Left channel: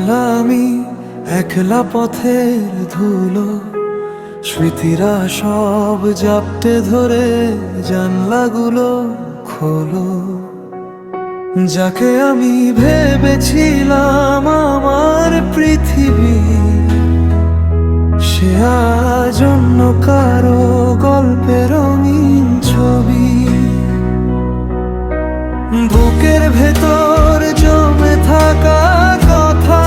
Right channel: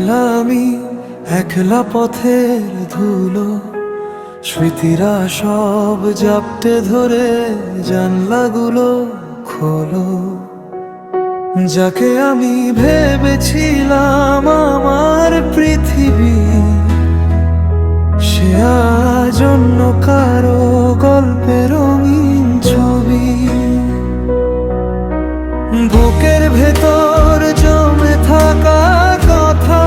একলা আমি, একলা পথের ধুলো, স্মৃতিরা সব জাপটে ধরে জানলাগুলো খোলো। যাকে আমি ভেবেছিলাম আমার পৃথিবী, সে আজ অন্য কারো গল্পের রঙিন ছবি। বুকের ভেতর জমে থাকা কথা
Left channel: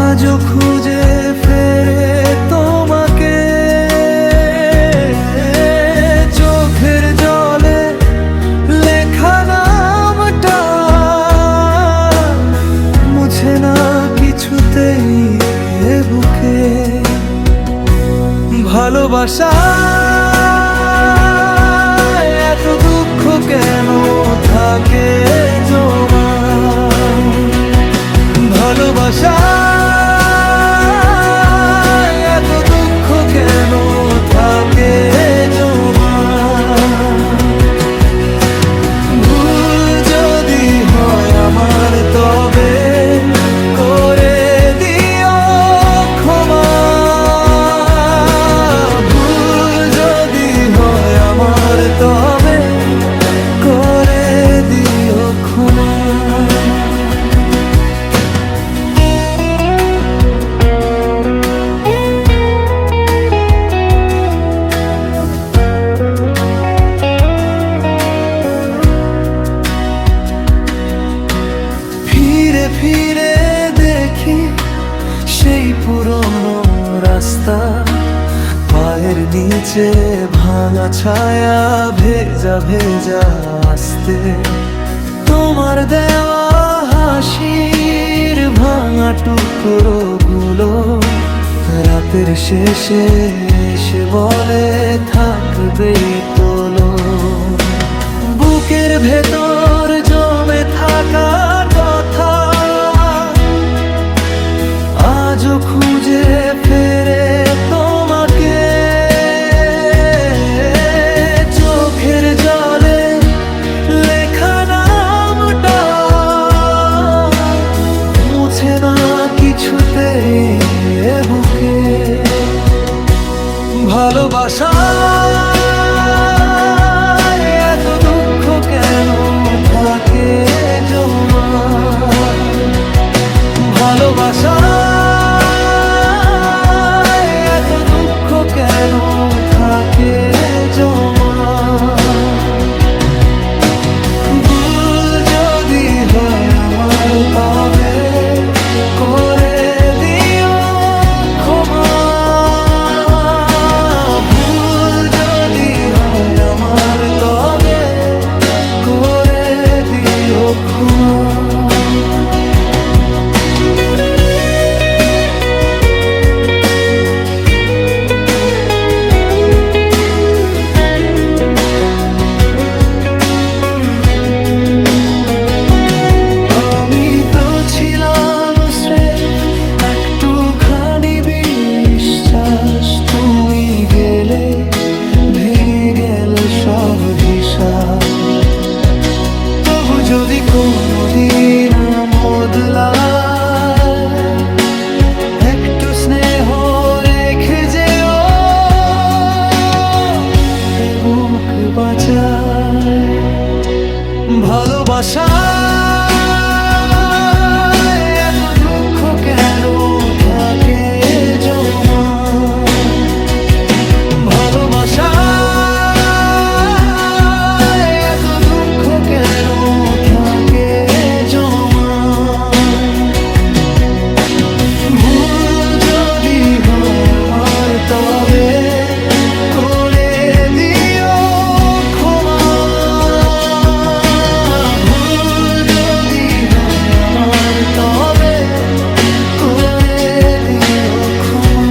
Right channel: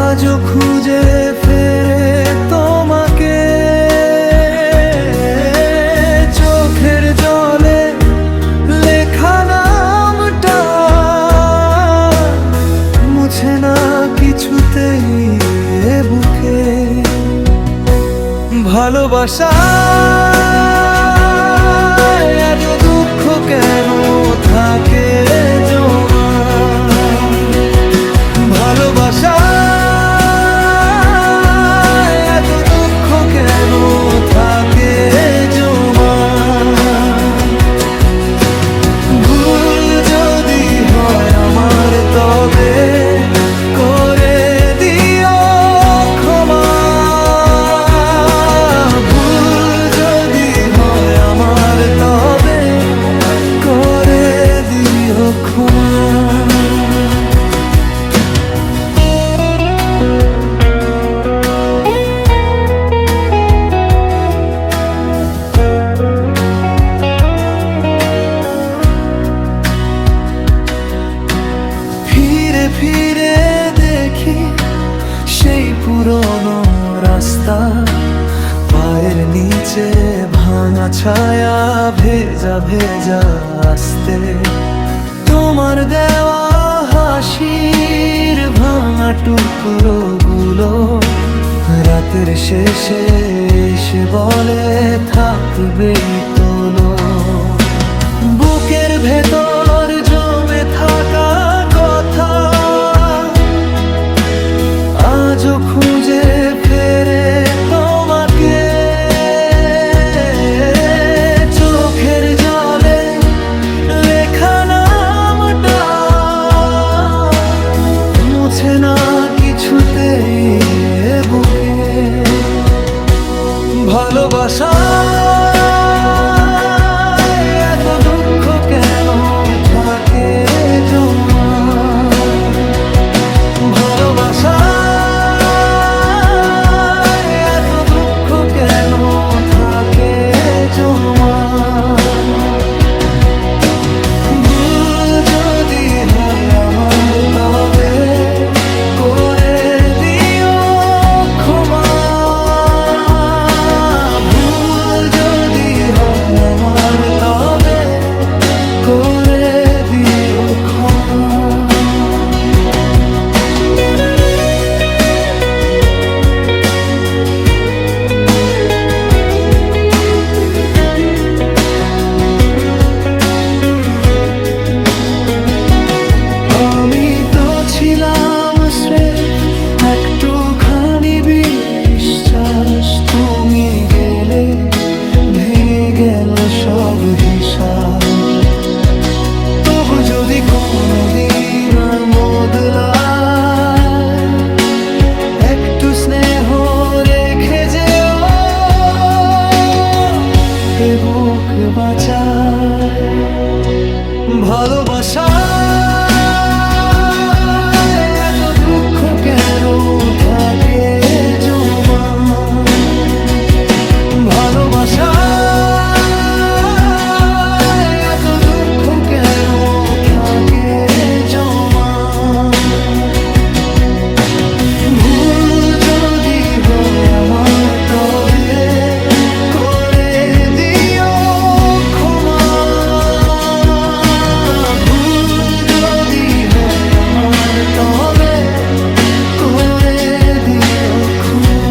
আজও খুঁজে ফেরে তোমাকে। চোখের জলে লেখা নামটা মুছে না কিছুতেই এ বুকে। ভালোবাসা এত দুঃখ কেন থাকে জমা? ভালোবাসা এত দুঃখ কেন থাকে জমা? ভুল যদি হয় আমার তবে করে দিও ক্ষমা। ভুল যদি হয় আমার তবে করে দিও ক্ষমা। ফিরে ফিরে দেখি সেই পুরনো রাস্তা, পায়ের নিচে ভাঙা ছায়া, ভেজা ভেজা আসতে। তোমার দেওয়া হাসির ভাঙা টুকরো গুলো রাতের শেষে এসে বলে থাকবেই তোলো। বুকের ভেতর জমে থাকা কথা আজও খুঁজে ফেরে তোমাকে। চোখের জলে লেখা নামটা মুছে না কিছুতেই এ বুকে। ভালোবাসা এত দুঃখ কেন থাকে জমা? ভালোবাসা এত দুঃখ কেন থাকে জমা? ভুল যদি হয় আমার তবে করে দিও ক্ষমা। ভুল যদি হয় আমার তবে করে দিও ক্ষমা। ছিলাম একটুখানি বিশ্বাস, তুমি গেলে ভেঙে গেল সব হিসাব। তবু যদি কোনোদিন বদলায় একটু স্নেহ রেখে যেও, এ বুক বাঁচায়। ভালোবাসা কেন থাকে জমা? ভালোবাসা এত দুঃখ কেন থাকে জমা? ভুল যদি হয় আমার তবে করে দিও ক্ষমা। ভুল যদি হয় আমার তবে করে দিও ক্ষমা।